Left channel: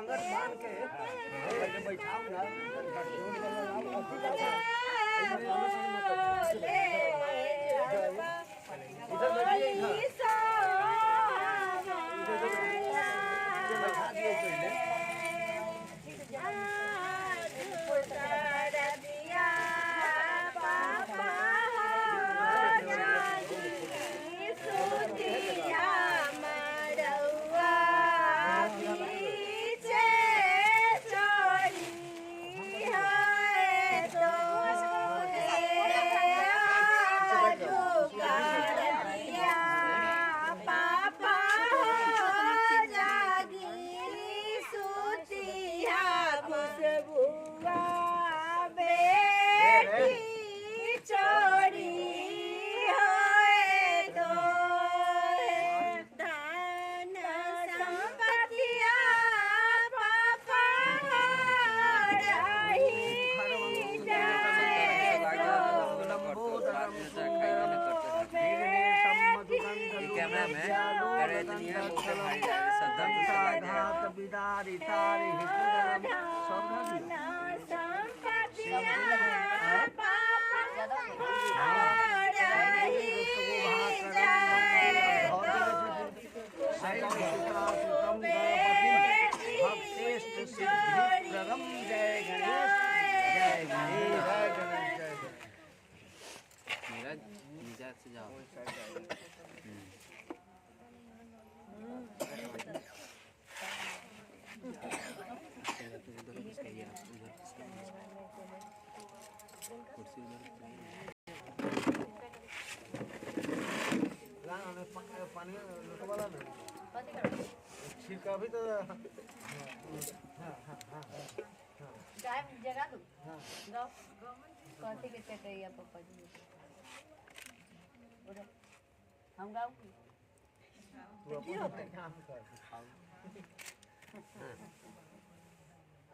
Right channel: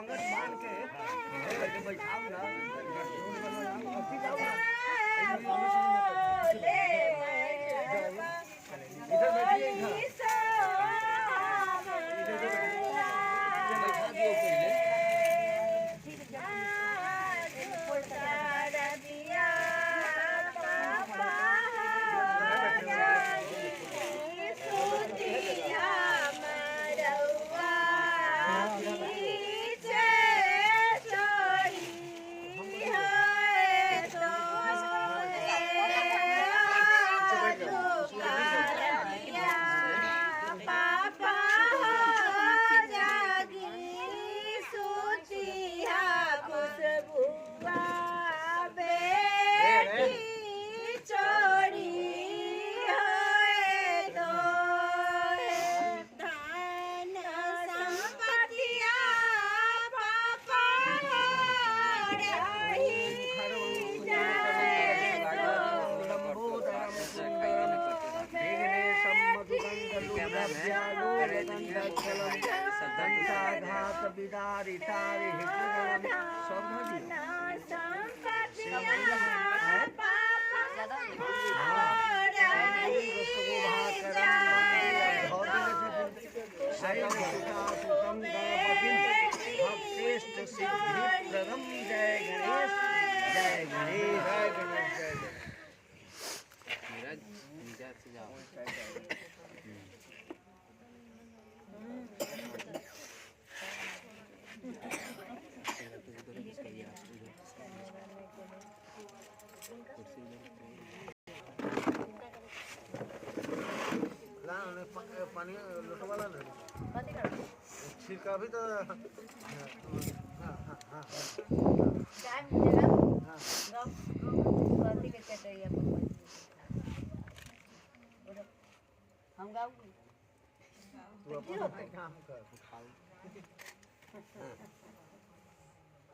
घाघर मान के बैठाओ ना इधर बैठिए बैठा दियो पहले भक्तेष्ट सिद्धिप्रदं जय गणेश जय गणेश जय गणेश जय गणेश पानी लोटा वाला ना छिड़का भी तो हाँ हाँ हाँ चाय मिलेगा हाँ कॉफी के चाहिए आपको हम गाँव तू अपन काम कर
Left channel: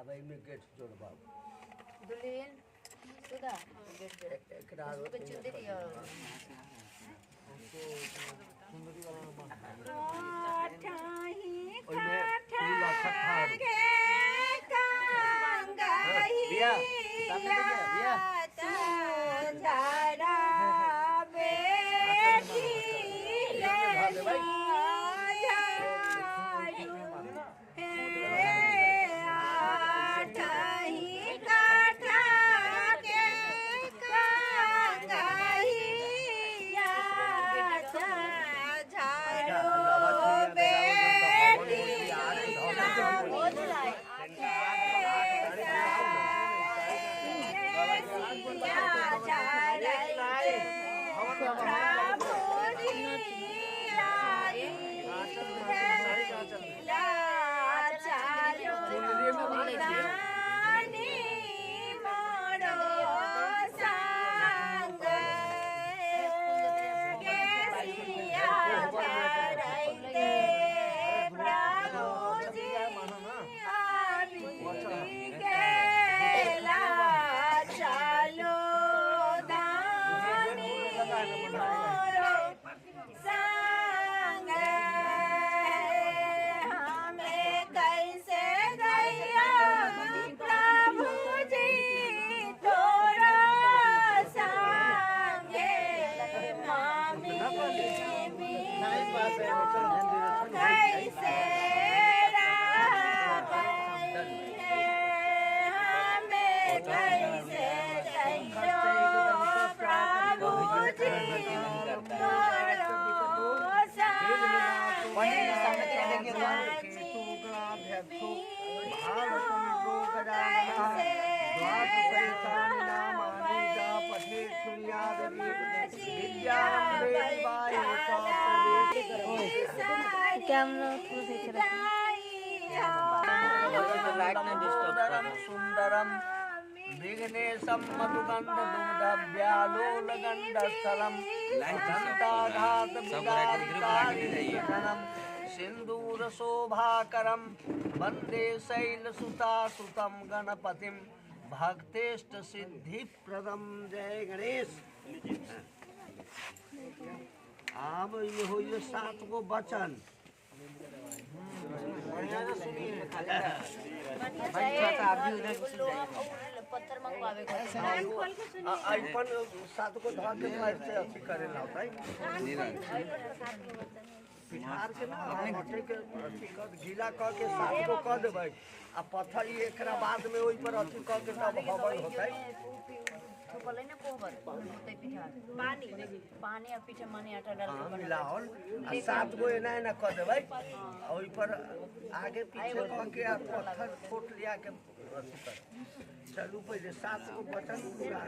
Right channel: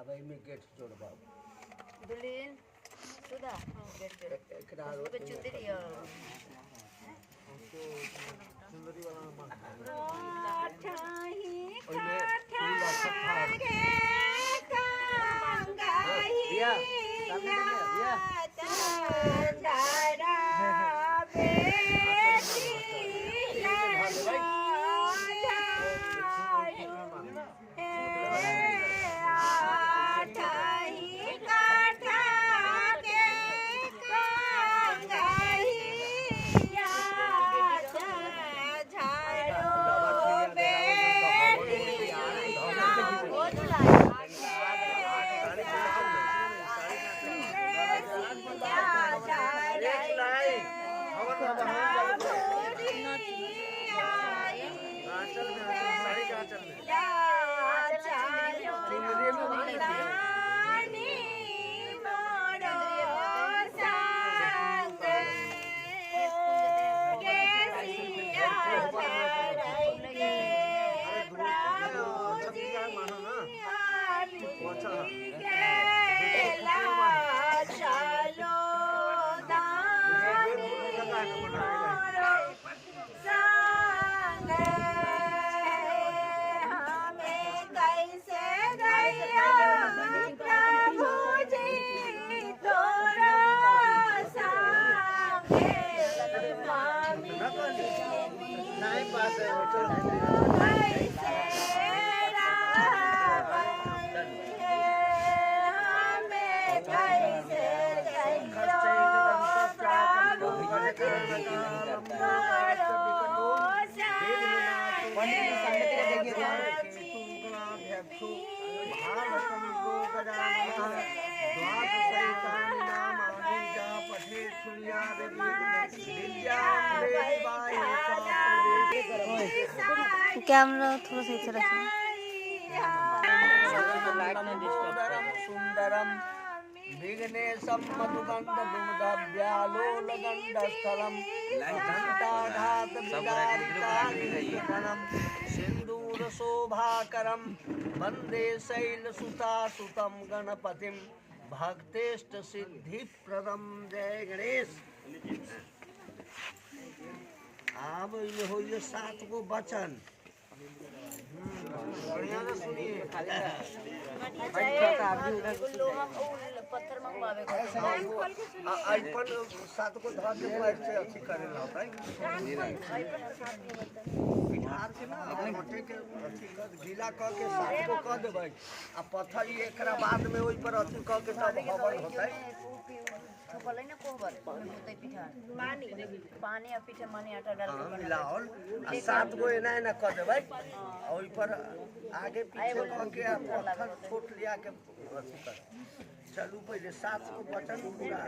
अब इनमें गेट जोड़ बाबू दुल्हन सुधा गेट एक डालो पे चुंदी दियो सुंदरी वाला में ओइमे फूल इकट्ठा बिया बिया भाई नहीं पास है कैमरा थोड़ा सा इधर रखिए। सुंदरम विघ्नेशम मधुगंध दुग्धव्यालोलगंधस्थलम दंताघात विदारितारिणम सिंदूर शोभाकरम वंदे शैलसुतासुतं गणपतिम भक्तेष्ट सिद्धिप्रदम जय गणेश। अब ये हो 7 गो वचन बढ़िया से सुनिए। अच्छा लोहा पत्थर मंगवावे को आईपन सात को धर के पैर से अच्छी करे लाता है पिठार के ना मटे के अच्छी कर गीला क के सात को क देबै आ पत्थर ये एकरा बाद में ओइ पर अच्छी क के तब हवन होतै थोपले ना कोहबर होतै पिठार पानी आ पीछे माने आटा डाल हां मिलाओल आ सात गो एना एना क देबै ओइ पर आगे पीछे क के आ पत्थर फोट लिया के अच्छी कर चलू पहले सात को बचन पूरा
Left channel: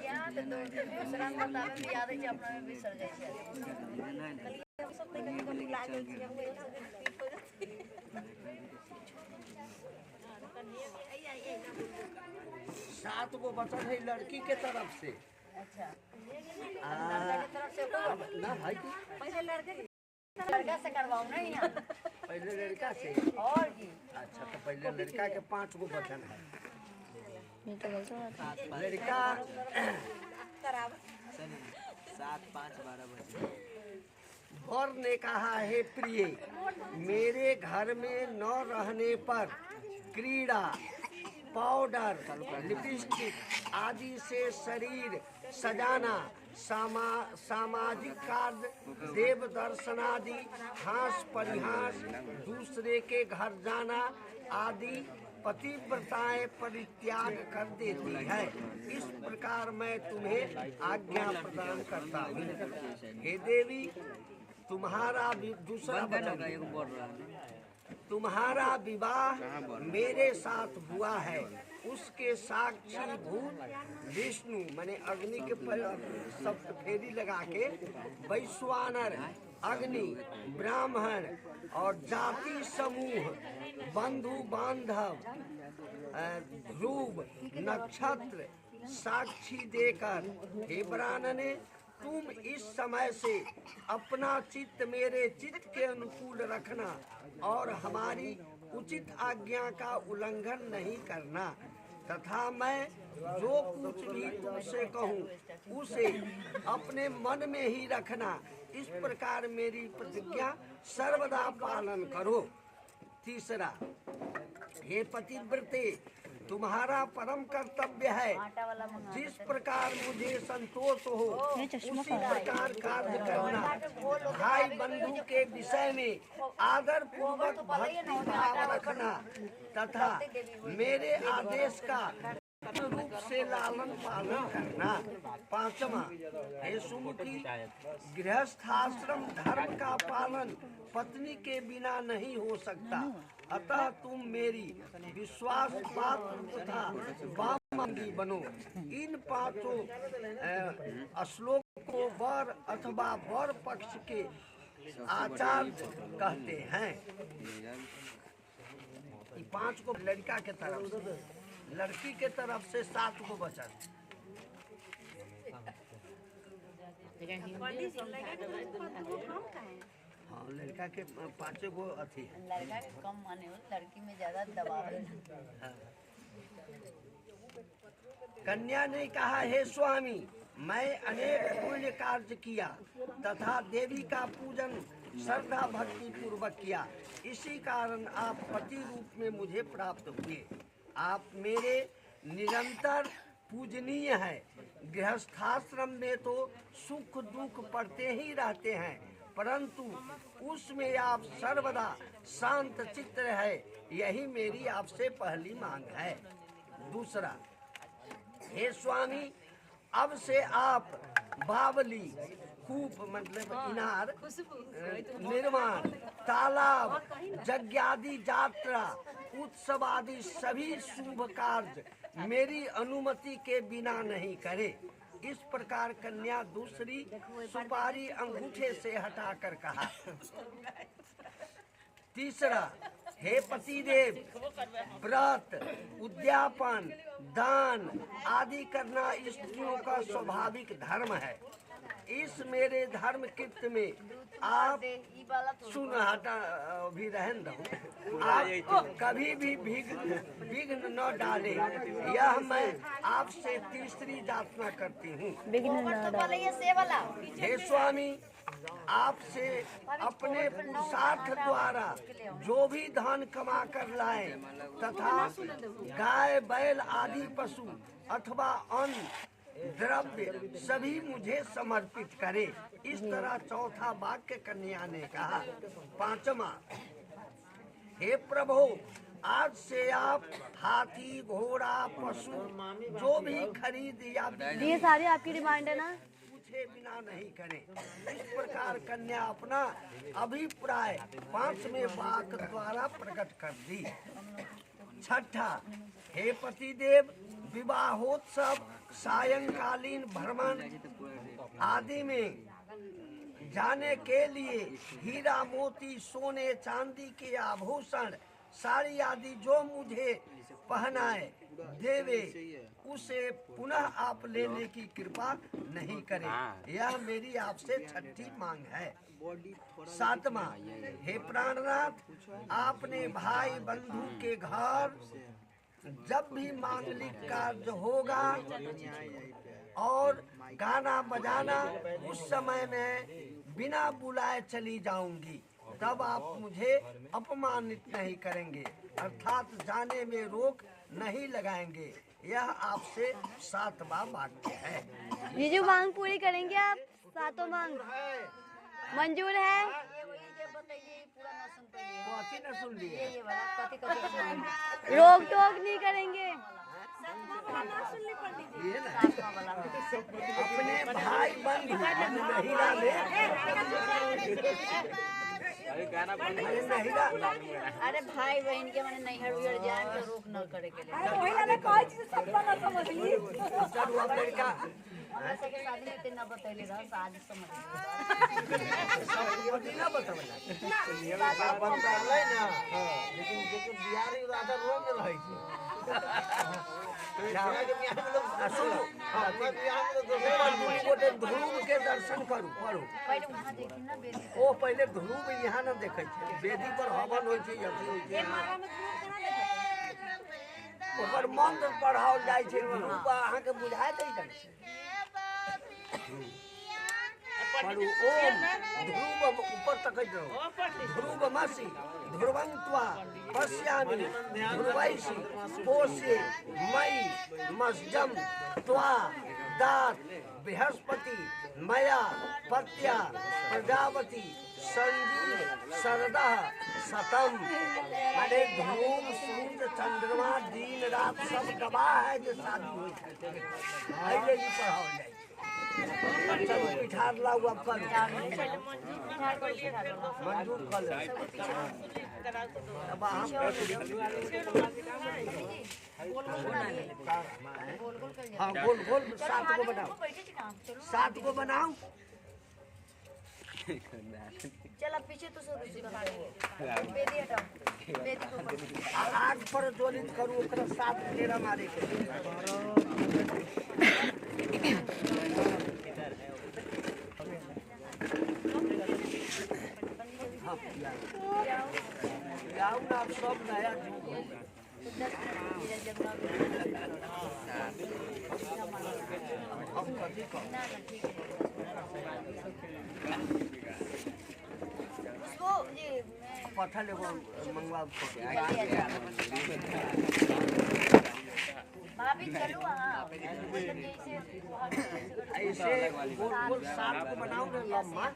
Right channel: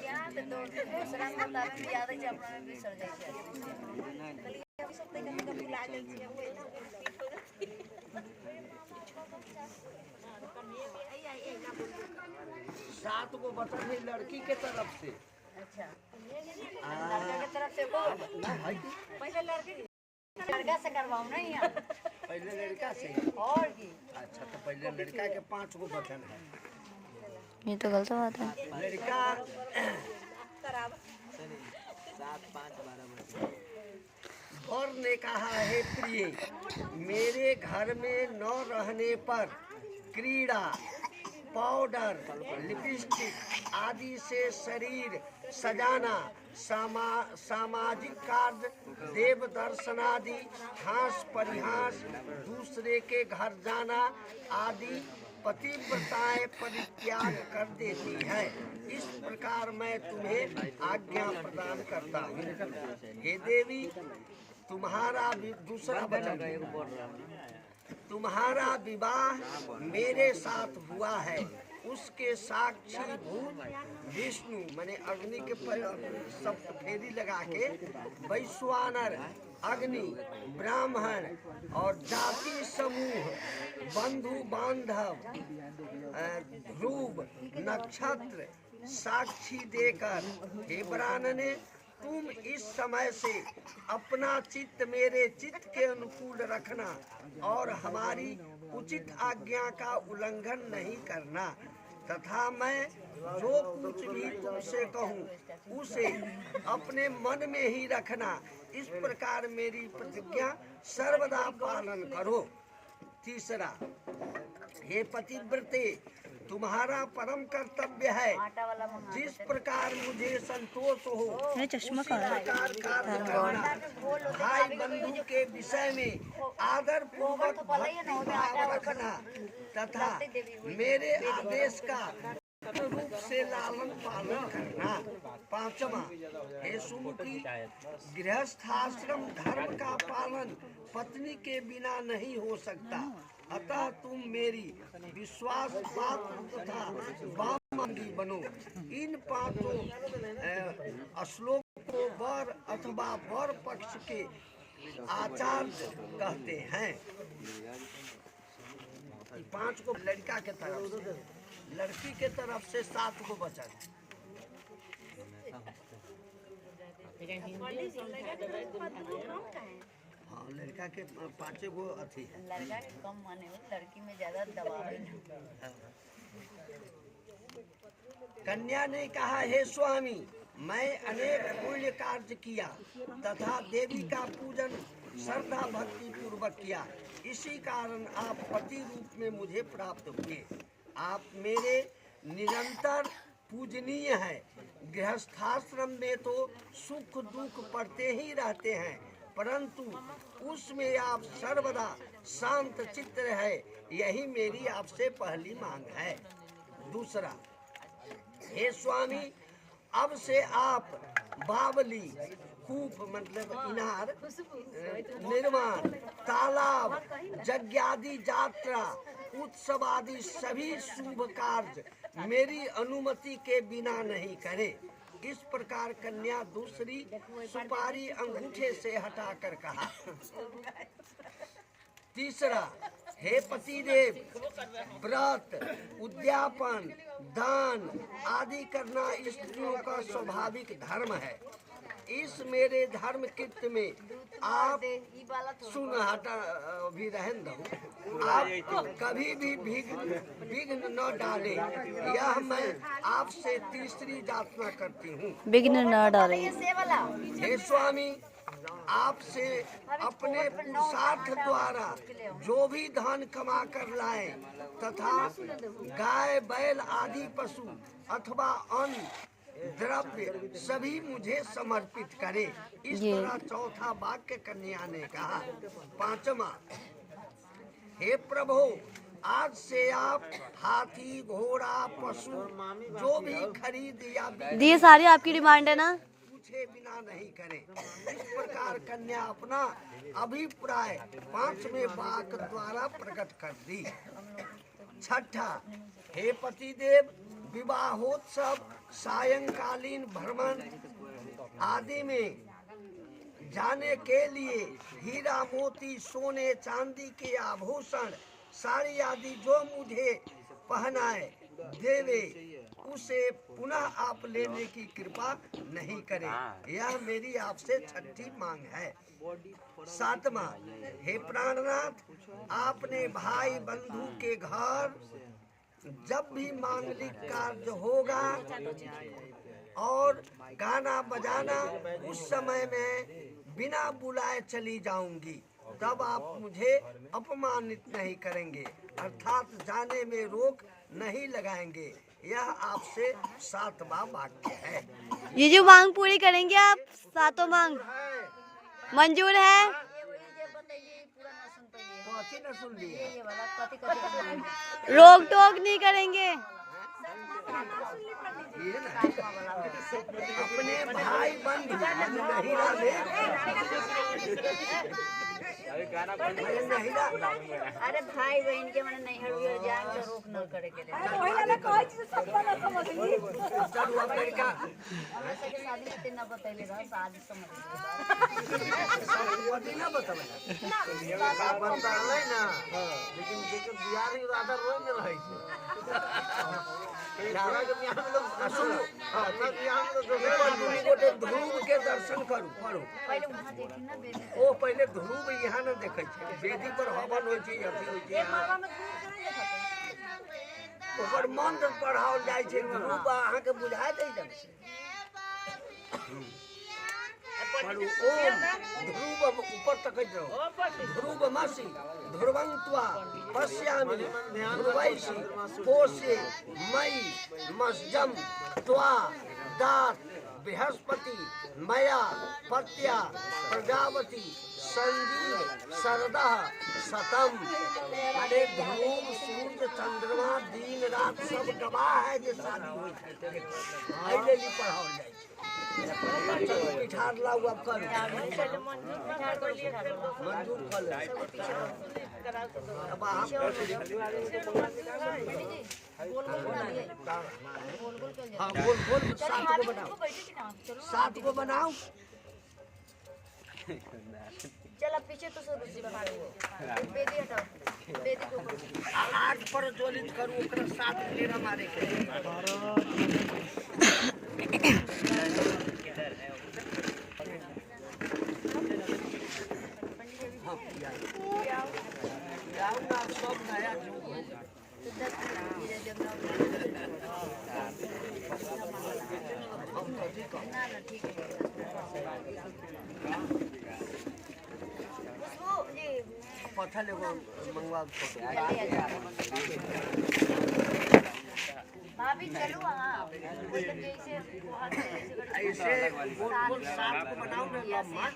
याद तो दूसरा बता में याद है अपना में बिसर जाय छै हम सब तक भुला गेल छी सात गो बचन है लड़की के तरफ से। अच्छा लड़का के तरफ से को ना भाई पहले लड़का से करवाओ नहीं यार पहले लड़का से और की अच्छा तो पहले लड़का के 5 गो बचन है। ये तो गलत बात है लड़का वर ने कहा है प्रिय मेरे घर में न रहने पर क्रीड़ा पाउडर लिपस्टिक आदि से शरीर सजाना सामाजिक कार्य देव दर्शनादि हास परिहास दूसरे के घर जाना आदि पतिव्रताएं परित्याग कर देती है। इस प्रकार मैं तुम्हें आज्ञा प्रदान करता हूँ। हे देवी तुम्हारा दूसरा वचन तुम्हारा विवाह मेरे साथ हुआ है उसके साक्षी भूत विष्णु माने अग्नि के सब फेरी लगा के वैश्वानर अग्नि ब्राह्मण और जाति समूह बंधु बांधव ध्रुव नक्षत्र साक्षी देकर हे ब्राह्मणे तुम इस समय से अपना चित्त मेरे चित्त के अनुकूल रखना और हमारी उचित आज्ञा का उल्लंघन नहीं करना तथा मैं जो कुछ भी तुमसे कहूँ उसे अपने मन में ही रखना। इस प्रकार मेरी प्रतिज्ञा सर्वदा पालन करो। तीसरा हे पतिव्रते तुम्हारा परम कर्तव्य है जिस प्रकार मुझे संतोष हो उसी प्रकार कार्य करना। भाई बंधु के विषय में आदर पूर्वक भक्ति भाव रखना तथा मेरे आदेश का रूप से लालन पालन करना। पांचवा हे सुमुखी गृहस्थाश्रम धर्म का पालन पत्नी के बिना नहीं हो सकता अतः तुम मेरी विश्वास पात्र तथा वामंगी बनो। इन 5 श्लोक को वर अथवा वर पक्ष के आचार्य कहते हैं। 5 को लड़का के तरफ से लड़की के तरफ से 7 को बचन। हाँ लड़का के 5 गो अथी है। लड़का के कम माने हो लड़की में ज्यादा दबाव है। हाँ। कन्या ने कहा हे स्वामी मैं अनेक पुण्य कार्य किया तथा देवी का पूजन श्रद्धा भक्ति पूर्वक किया इसी कारण आप पति रूप में मुझे प्राप्त हुए। आप मेरे निरंतर पूजनीय है। गृहस्थाश्रम में तो सुख दुख पड़ते ही रहते हैं परंतु उसमें आप सर्वदा शांत चित्त है यही मेरी आपसे पहली मांग है। दूसरा हे स्वामी अब से आप बावली कूप मतलब इनार निर्माण तालाब यज्ञादि यात्रा उत्सव आदि सभी शुभ कार्य मेरी अनुमति के बिना नहीं करे। इस प्रकार कन्या दूसरी सुपारी अंगूठे से हटाकर कहा। तीसरा हे पतिदेव, व्रत, उद्यापन, दान आदि करना स्त्रियों का स्वाभाविक धर्म है। इस मेरे धर्म कृत्य में आप सुन हटा भी रहन दो, आप कभी भी विघ्न न डाले, यह मैं आपसे तीसरी याचना करती हूँ। विघ्न न डालें। हे स्वामी, आपसे अपने पुरुषार्थ द्वारा जो भी धन कमा कर लाए तथा गाय बैल आदि पशु अथवा अन्न द्रव्य सभी मुझे समर्पित करे। इस तरह चौथा वाक्य कन्या ने कहा। पांचवा, हे प्रभु, आज से आप हाथी घोड़ा पशु जो भी खरीद या ये सारी आपकी डिमांड है ना? पूछे बिना नहीं करें। इस प्रकार कन्या अपना अभिप्राय पांचवें वाक्य द्वारा प्रकट कर दी। छठा, हे पतिदेव, विवाहोत्सव, सायंकालीन भ्रमण आदि में जाने के लिए हीरा मोती सोने चांदी के आभूषण साड़ी आदि जो मुझे पहनाए देवे, उसे पुनः आप लेने की कृपा नहीं करें। यह मेरी आपसे छठी मांग है। सातवां, हे प्राणनाथ, आपने भाई बंधु के घर जब भी मांगलिक कार्य होगा और गाना बजाना, उस समय में बिना बुलाए चली जाऊंगी, तब आप मुझे अपमानित नहीं करेंगे, अर्थात जाने में रोक नहीं लगाएंगे। यह आपसे सातवां वाक्य है। ये जो मांग पूरी करेंगे आप, सातों मांग मंजूर है? कथी न सुन लिए? रोक टोक नहीं करेंगे। ये ना, अपने भाई बंधु महिला में महिला, अरे भाई बहन के मन नहीं हर जान के रोक न करे के लिए। चलू अब लड़का शादी में तीन बतैले रहा, शादी समझ सब ना बतावला का बताले ना, लेकिन जेके बिहार में आधा रोज में रही छे। जाना के बिहार में लोग सुनो, हां तो बिहार में लोग ऊपर दुनी गोटे ध्रुव के दर्शन करू पड़ो। पहले वहां देखी ना बेदी। ओ पहले ध्रुव यहाँ न देखे छे, बेदी पर हवन होय छे, अथी होय छे, ऊपर मंत्र पढ़ाओल जाय छे। ध्रुव अहाँ के बुझाय दै छै पढ़ू ओम ध्रुव ऊपर तक रहो, ध्रुवमसि ध्रुवंत्वा पश्यामि ध्रुवैषि पोषे मयि मस्जम त्वा दात बृहस्पति मया पत्या प्रजापति संजीव शरदः शतम। माने ध्रुव सूर्य चंद्रमा दिन रात सब गवाह है जो शादी होई छै। एहिले भी पढ़ाओल जाय। चलो पिठार लाऊ अब करू, मंजूर कर ले। अब हम हाँ गोल गोल 7 को बनाओ, 7 को बनाओ। चल अब पीछे तो सब बेदी हटाओ, बेदी को ऊपर 8 पर ज्वलित करू, ओकरा 7 फेरा मारे के। हाँ याऊ ना सब नया युग हो गया। तो 10 मिनट जब ना हम कथी कह ना ठीक है। उसको जी पत्थर एगो मंगवा भाभी चलो हाँ, मतलब जैसे ऐसे गोल गोल 7 को बनाओ ना लम्बा।